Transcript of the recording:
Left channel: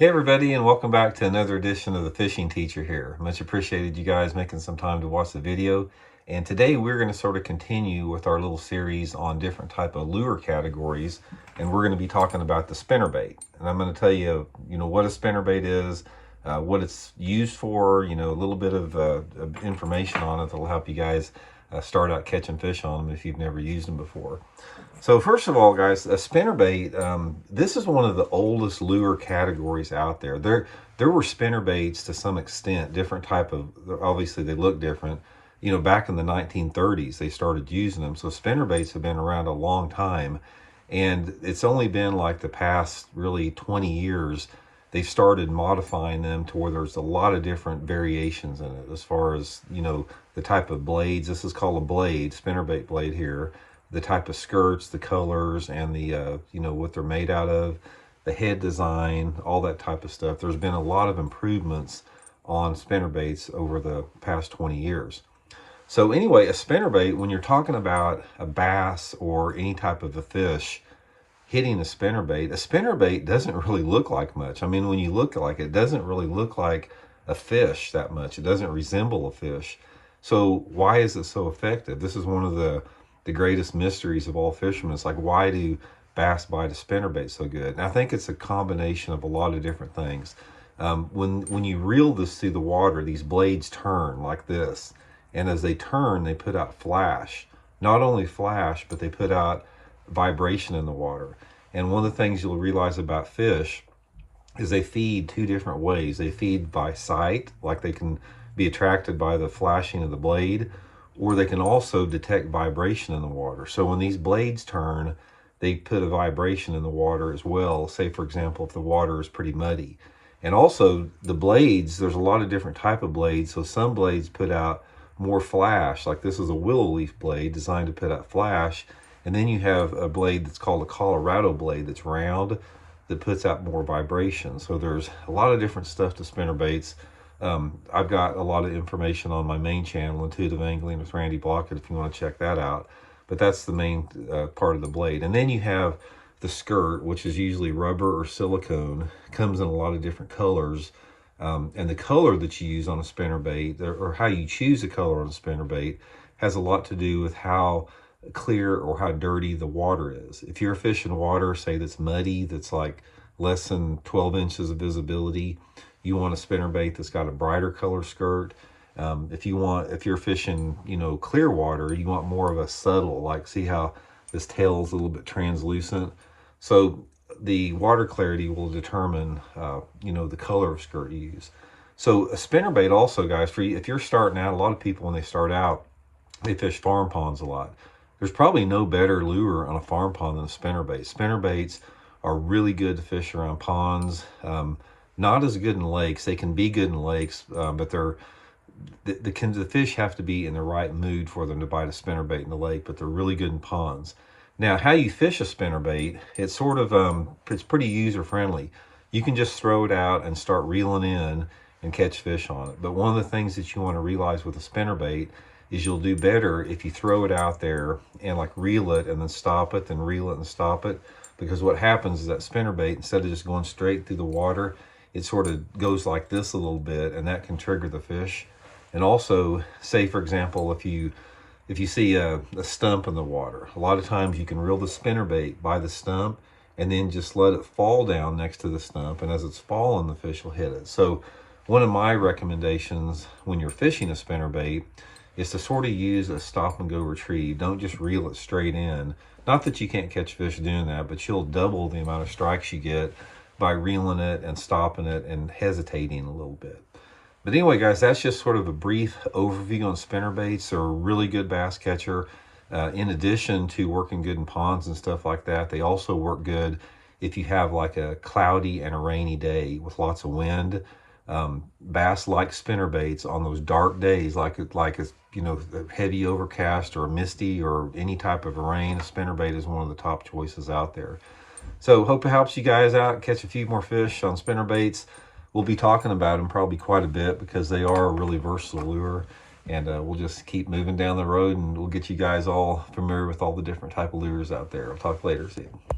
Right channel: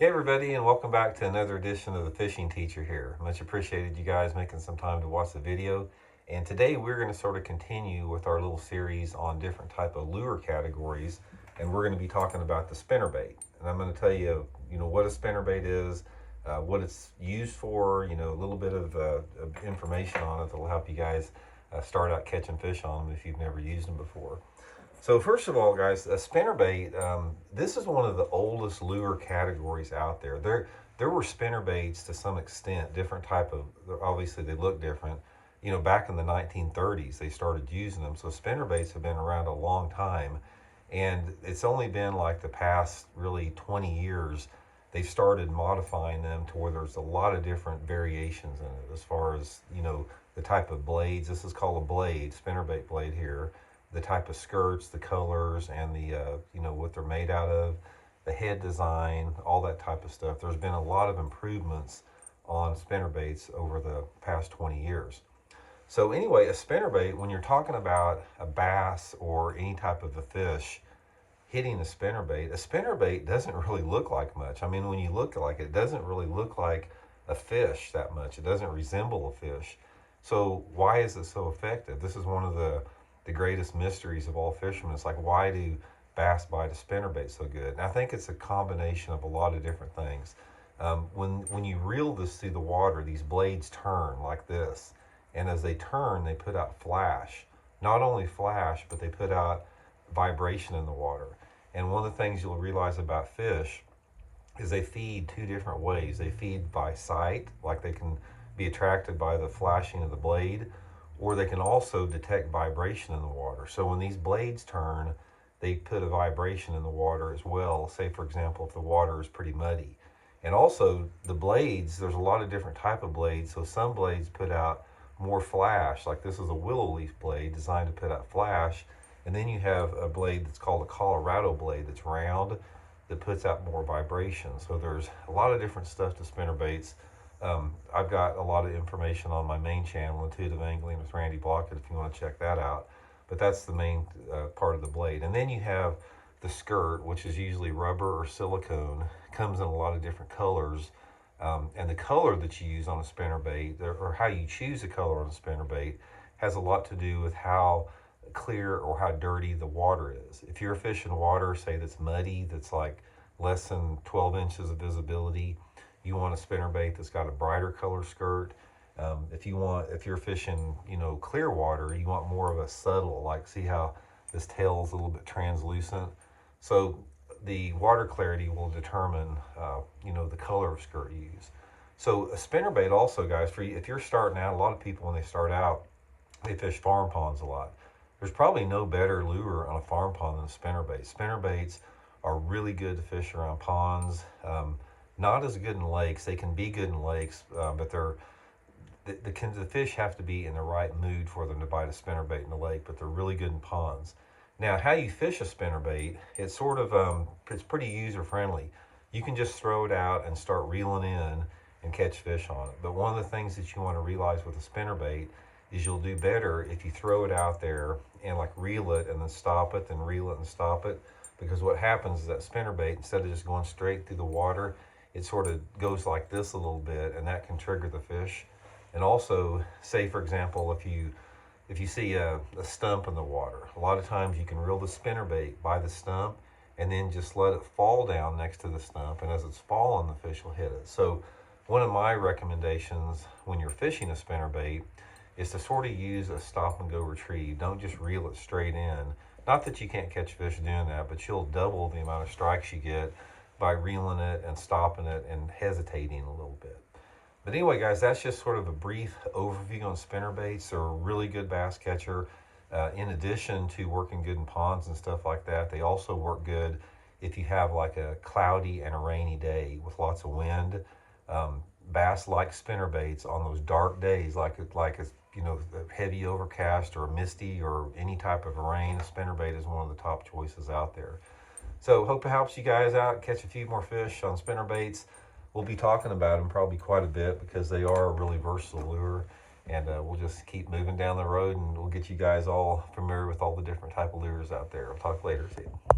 Hey everybody, and welcome back to another edition of the Fishing Teacher here. Much appreciated you guys making some time to watch the video. And today we're going to sort of continue with our little series on different type of lure categories, and we're going to be talking about the spinnerbait. And I'm going to tell you, what a spinnerbait is, what it's used for, a little bit of information on it that will help you guys start out catching fish on them if you've never used them before. So first of all, guys, a spinnerbait, this is one of the oldest lure categories out there. There were spinnerbaits to some extent, different type of, obviously they look different. Back in the 1930s, they started using them. So spinnerbaits have been around a long time. And it's only been like the past really 20 years, they've started modifying them to where there's a lot of different variations in it as far as, the type of blades. This is called a blade, spinnerbait blade here. The type of skirts, the colors, and the, what they're made out of, the head design, all that type of stuff. There's been a lot of improvements on spinnerbaits over the past 20 years. So anyway, a spinnerbait, when you're talking about a bass or any type of a fish hitting a spinnerbait doesn't really look like much. I mean, when you look like it, it doesn't really look like a fish that much. It doesn't resemble a fish. So why is it so effective? This is one of the greatest mysteries of all fishermen. It's like, why do bass bite a spinnerbait so good? And I think it's a combination of a lot of different things. When you reel this through the water, these blades turn like this, and as they turn, they put out flash. Not only flash, but they put out vibration in the water. And one of the things you'll realize about fish is they feed two different ways. They feed by sight, like they can be attracted by the flashing of the blade, or they can also detect vibration in the water. So when these blades turn, they put a vibration in the water as well. Say, for example, if the water is pretty muddy. And also the blades, there's a lot of different type of blades. So some blades put out more flash, like this is a willow leaf blade designed to put out flash. And then you have a blade that's called a Colorado blade that's round that puts out more vibration. So there's a lot of different stuff to spinnerbaits. I've got a lot of information on my main channel, Intuitive Angling with Randy Blockett, if you want to check that out. But that's the main part of the blade. And then you have the skirt, which is usually rubber or silicone. It comes in a lot of different colors. And the color that you use on a spinnerbait, or how you choose a color on a spinnerbait, has a lot to do with how clear or how dirty the water is. If you're fishing water, say that's muddy, that's like less than 12 inches of visibility, you want a spinnerbait that's got a brighter color skirt. If you're fishing, clear water, you want more of a subtle, like see how this tail is a little bit translucent. So the water clarity will determine, the color of skirt you use. So a spinnerbait also, guys, if you're starting out, a lot of people when they start out, they fish farm ponds a lot. There's probably no better lure on a farm pond than a spinnerbait. Spinnerbaits are really good to fish around ponds. Not as good in lakes. They can be good in lakes, but the fish have to be in the right mood for them to bite a spinnerbait in the lake, but they're really good in ponds. Now, how you fish a spinnerbait, it's sort of, it's pretty user-friendly. You can just throw it out and start reeling in and catch fish on it. But one of the things that you want to realize with a spinnerbait is you'll do better if you throw it out there and like reel it and then stop it, then reel it and stop it. Because what happens is that spinnerbait, instead of just going straight through the water, it sort of goes like this a little bit, and that can trigger the fish. And also, say for example, if you see a stump in the water, a lot of times you can reel the spinnerbait by the stump and then just let it fall down next to the stump, and as it's falling, the fish will hit it. So one of my recommendations when you're fishing a spinnerbait is to sort of use a stop and go retrieve. Don't just reel it straight in. Not that you can't catch fish doing that, but you'll double the amount of strikes you get by reeling it and stopping it and hesitating a little bit. But anyway, guys, that's just sort of a brief overview on spinnerbaits. They're a really good bass catcher. In addition to working good in ponds and stuff like that, they also work good if you have like a cloudy and a rainy day with lots of wind. Bass like spinnerbaits on those dark days, like it's a heavy overcast or misty or any type of rain. A spinnerbait is one of the top choices out there. So hope it helps you guys out, catch a few more fish on spinnerbaits. We'll be talking about them probably quite a bit because they are a really versatile lure. And we'll just keep moving down the road and we'll get you guys all familiar with all the different type of lures out there. I'll talk later. See you.